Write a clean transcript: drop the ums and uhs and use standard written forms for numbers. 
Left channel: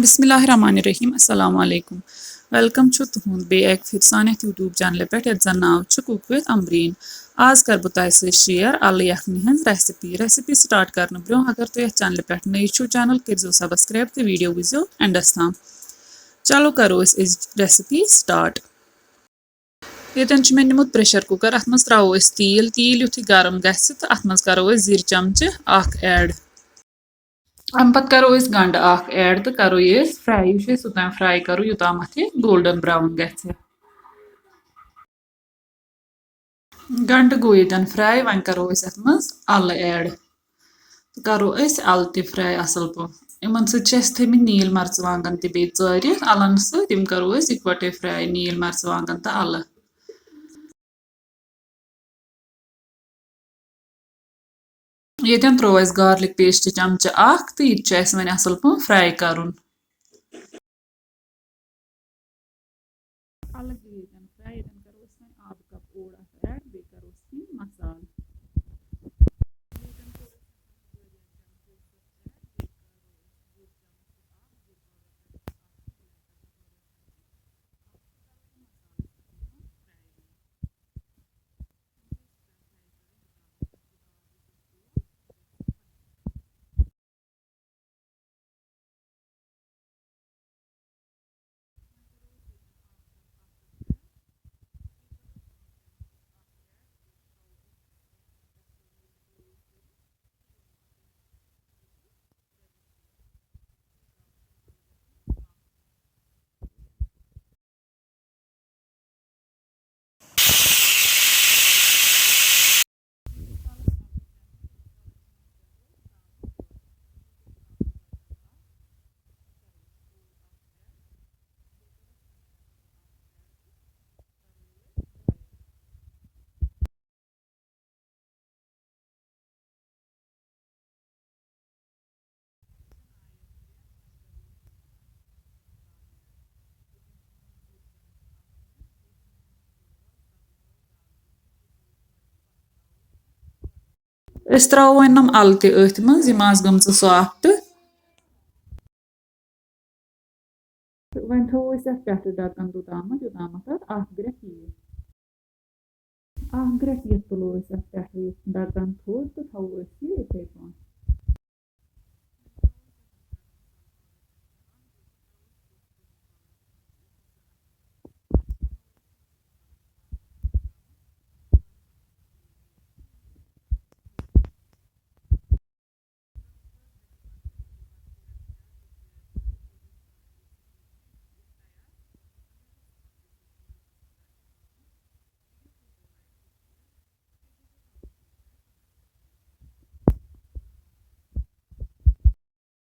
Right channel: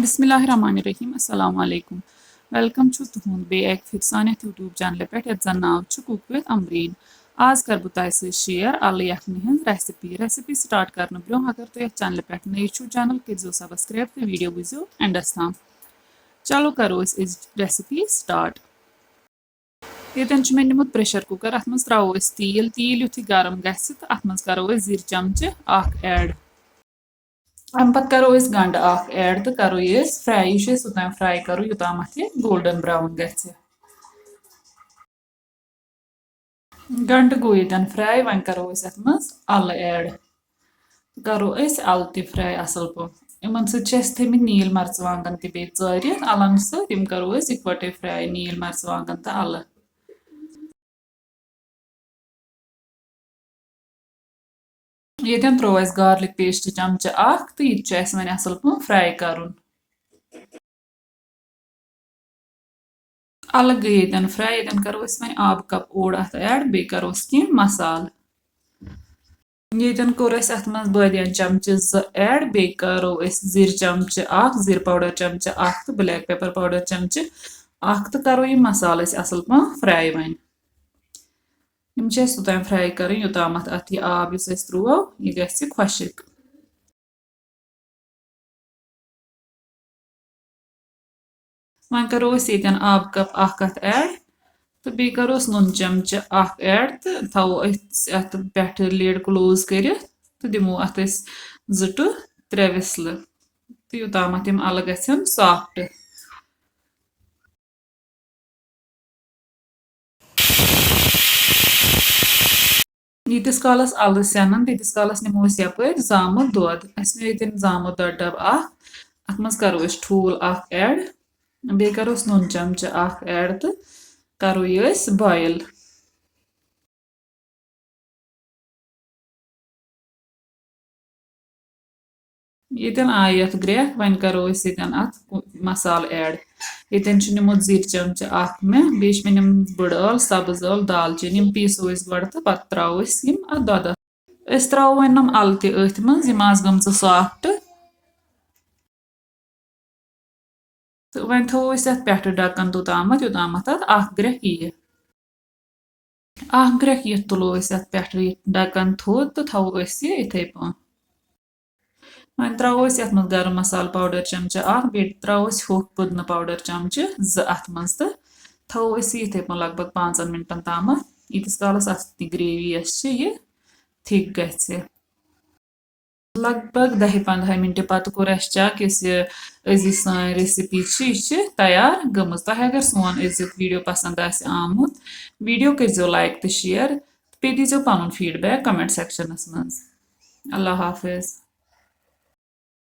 बिस्मिल्लाहिर्रहमानिर्रहीम अस्सलाम वालेकुम वेलकम छु तुहुंद बे एक फिर सान यूट्यूब चैनल पे जन नाव छु कुक विद अमरीन आज कर बह तह शेयर अल यखनी हज रेसिपी स्टार्ट कर ब्रो अगर तुम चैनल पे नई छु चैनल करो सब्सक्राइब तो वीडियो वो एंडस तम चलो करो रेसिपी स्टार्ट ये मे निमुत प्रेशर कुकर अत मज त्रो तील तील युथ गरम गि तो अत मज करो जीर चमचे ऐड अम पत करो गंड ऐड तो करो ये फ्राई योतान फ्राई करो योताम ये गोल्डन ब्राउन गि गंड गो ये फ्राई वन करो अत मज अल ऐड तो करो अल त फ्राई असल पे इन थमित नील मर्चवांगन तरित अलन सम करो इकवटे फ्राई नील मर्चवांगन तो अल ये त्रो गार्लिक पेस्ट चमचे तो यह वन असल पे फ्राई कर अलग गई ये फ्राई ये करो वो आब कप ओड अत ऐड बे करो कह मसाल ये कोर अत मज बदियान चमचे ऐड बे करो जीर चमचे जीर पाउडर चमचे तो ब्लैक पेपर पाउडर चमचे तो करो ये मसाल असल पे फ्राई वन योतान फ्राई कर योताम अत यह आब त्रो यह गि खुशक वन करो ये आब कप अत ऐड तो बे करो नुन चमचे ऐड तो थो अत पे लिड क्लोज कर तो दिमो अत टू त्रे विसल तो योताम अल गन सॉफ्ट यीतिस कालस अल सेनन तीतिस कालस निमो यपर जामुत दोद ये जामुत दोद डब अत मज करो ठूल ऐड बे करो नुन चमचे ऐड तो करो ये बॉयल ये आय ये ग्रेक वन करो अत मसाल ऐड ये निमुत जीर चमचे मे बे निमुत बड़ ٲल सब्ज ٲल दालचीनी पीसो गो तो पे त्रो अत दोद त्रो वन अल तथ मज गम सॉफ्ट तो वन थो पे ढक्कन तोताम योताम ग्रेक यी ग्रेक यी तुलो अत पे ढक्कन थोद तो थो इथे पे वन त्रो मज गरम मसाल पाउडर चमचे बे त्रो होख पुदन पाउडर चमचे अत मज तो थो इथे पे लगभग 5 मिनटन तम यीतिस कालस अत ग्रेवी यह थिक गि लगभग 10-15 मिनट पत कोर चेक सान रेसिपी तैयार गम तह अगर सोन वीडियो पसंद आमुत वीडियो करो लाइक तो शेयर पे दीजो पन फीडबैक कमेंट सेक्शनस मज अल्लाह हाफिज।